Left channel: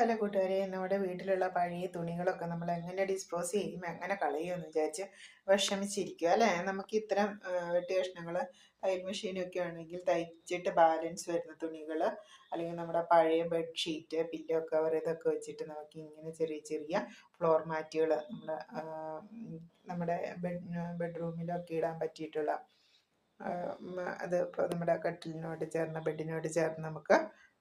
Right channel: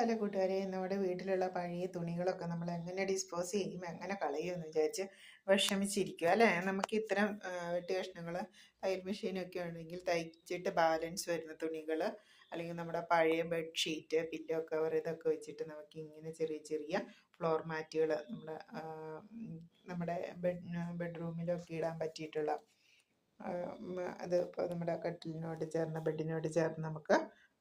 Hello കൂട്ടുകാരെ, നമ്മുടെ വീട്ടിലുള്ള പഴയ തുണികളൊക്കെ നമ്മൾ എങ്ങനെ ഡിസ്പോസ് ചെയ്യും, എങ്ങനെ കളയുമെന്ന് വിചാരിച്ച് വിഷമിച്ചിരിക്കുക അല്ലേ. നമുക്ക് ഇത്തരം വെട്ടി കഷ്ണങ്ങൾ തയ്യൽ മെഷീനൊക്കെ ആണെങ്കിൽ തയ്ച്ചിട്ട് ബാലൻസ് വരുന്ന തുണികൾ, അല്ലെങ്കിൽ നമ്മുടെ പഴയ ബെഡ്ഷീറ്റ്, പില്ലോ കവർ, ഇതൊക്കെ വെച്ചിട്ട് നമുക്ക് ഇങ്ങനെ ചെറിയ ചെറിയ ഫ്ലോർ മാറ്റുകൾ നമ്മുടെ ബെഡ്റൂമിലൊക്കെ ഇടാൻ പറ്റിയിട്ടുള്ള അത് ഇപ്പോൾ നമ്മുടെ കട്ടിലിനോട് ചേർന്ന് ബെഡിനോട് ചേർന്ന് നമുക്ക്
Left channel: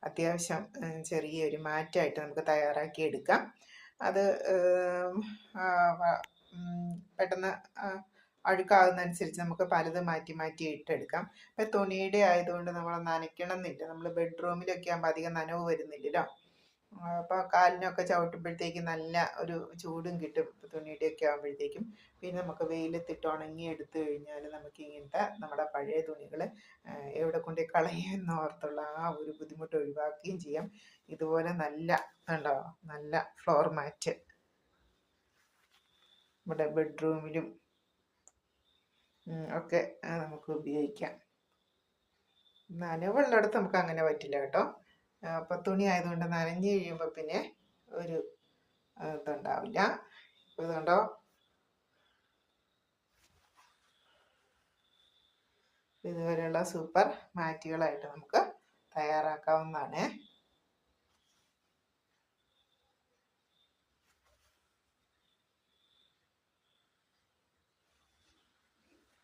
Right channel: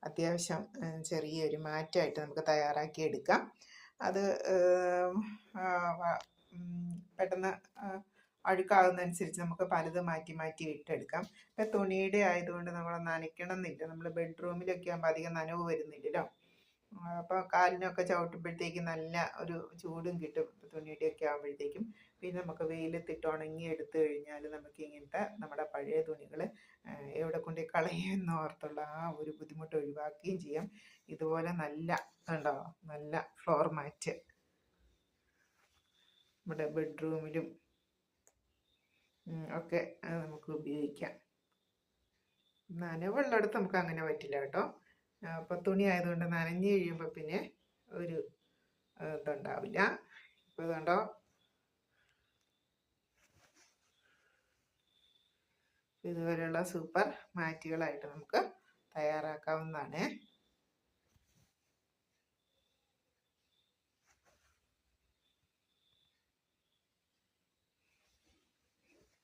അത്യാവശ്യം ചെറിയൊരു മാറ്റായിട്ട് നമുക്ക് തയ്യാറാക്കി എടുക്കാം. അത് പെട്ടെന്ന് അഴുക്കാവുന്നതനുസരിച്ച് നമുക്ക് പലതും മാറ്റി മാറ്റി ഇട്ടെടുക്കാം. ഇപ്പം തുണിയുടെ ആയതുകൊണ്ട് നമ്മൾ നനയ്ക്കണം എന്നില്ല. നമ്മൾ ബെഡ്റൂമിലൊക്കെ ആകുമ്പോൾ അധികം നനവ് വരുന്നില്ലല്ലോ. അപ്പോൾ കാലിനൊക്കെ ചവിട്ടുമ്പോഴത്തേക്കും നല്ല ഒരു ചൂടും കിട്ടും തുണിയുടെയൊക്കെ ആകുമ്പോഴത്തേക്കും. പിന്നെ നമുക്ക് വെയിലത്തിട്ട് ഉണങ്ങി എടുത്തു കഴിഞ്ഞാൽ നമുക്ക് ഇങ്ങനത്തെ നമ്മുടെ പഴയ തുണികൾ എവിടെ കൊണ്ട് കളയുമെന്ന് ഓർത്തുള്ള ആ ഒരു ബുദ്ധിമുട്ട് ഒഴിവാക്കുകയും ചെയ്യാം. ഇതുപോലെ നല്ല കണ്ടോ, നല്ല ഫ്ലോർ മാറ്റ് നമ്മുടെ ബെഡ്റൂമിലും ഒക്കെ നമുക്ക് ഉപയോഗിക്കാം. നനവുള്ളിടത്ത് നമുക്ക് അങ്ങനെ പറ്റില്ല കേട്ടോ. അപ്പം തുണി ആയതുകൊണ്ട് നനഞ്ഞു കഴിയുമ്പോൾ പിന്നെ ഒരു ഇതുണ്ടാവില്ല. ഇപ്പോൾ ഇതുണ്ടോ, ഇതുപോലെയുള്ള സൂപ്പർ മാറ്റുകളായിട്ട് നമുക്ക് തയ്യാറാക്കാവുന്നതാണ്.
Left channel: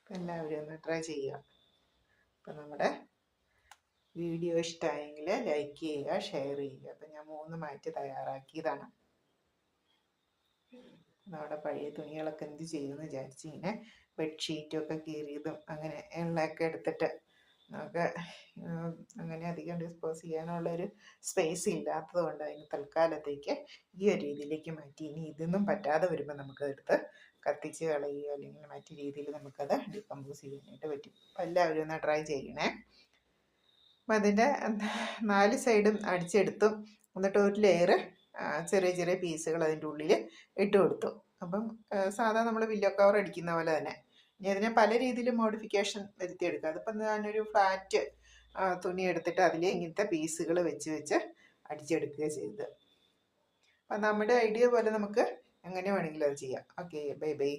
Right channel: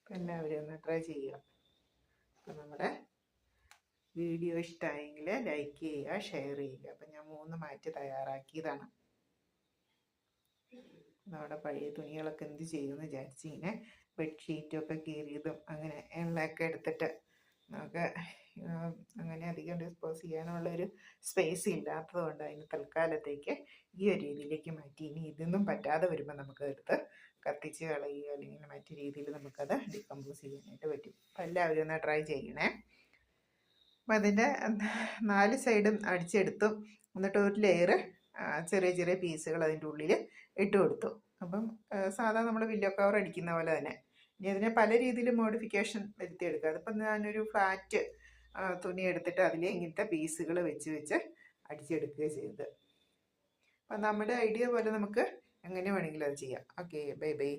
എല്ലാവരും ഒന്ന് ട്രൈ ചെയ്യുക. അപ്പം നമ്മുടെ വീഡിയോ ഇഷ്ടമായെങ്കിൽ ലൈക്ക് ചെയ്യുക, ഷെയർ ചെയ്യുക. അപ്പം ഞാൻ 3 മാറ്റ് തയ്യാറാക്കിയതാണ്. നമ്മുടെ പഴയ തുണികളൊക്കെ എന്ത് ചെയ്യുമെന്ന് വിചാരിച്ച് ഇങ്ങനെ ബെഡ്ഷീറ്റൊക്കെ കീറിയതും അങ്ങനെ എണ്ണയൊക്കെ എടുത്തിട്ട് നമുക്ക് അങ്ങനെ അധികം ഡിസ്പോസ് ചെയ്യാനുള്ളൊരു സ്പേസ് ഇല്ലാത്തത് കൊണ്ട് അതിന് തൽക്കാലത്തേക്ക് ഈ ഒരു രീതിയിലേക്ക് മാറ്റി. ഇനി ഇതൊന്നും പറ്റാതെ വരുമ്പോൾ നമുക്കതെടുത്ത് കത്തിച്ച് കളയുക അല്ലെങ്കിൽ മറ്റു രീതിയിൽ നമുക്കത് ഡികമ്പോസ് ചെയ്യാനായിട്ട് പറ്റും. അപ്പം എല്ലാവരും ഒന്ന് ട്രൈ ചെയ്യണേ. അപ്പം അതിൻ്റെ 4 സൈഡും അടിച്ചെടുത്തു. എന്നിട്ട് ഒരു ലെയർ ചെറിയ ചെറിയ പീസുകൾ അതിൻ്റെ ഉള്ളിൽ ഇട്ട് കൊടുത്തു. അപ്പം സാധാരണ നമ്മൾ പില്ലോ കവർ അടിക്കുന്ന പോലെ തന്നെ. ഇനി അതിനെ പല രീതിയിൽ മോഡിഫിക്കേഷൻ വരുത്തിയെടുക്കുക. അതിപ്പം ഞാനൊരു ഫ്ലാറ്റ് തുണി എടുത്തിട്ട് അതിൽ ഇങ്ങനത്തെ പീസുകൾ വെച്ച് വെച്ച് അടിച്ചെടുക്കുക ചെയ്തത്. അപ്പം നമ്മുടെ ഐഡിയ പോലെ നമുക്ക് എങ്ങനെ വേണമെങ്കിലും അത് ചെയ്യാം. Okay, bye bye.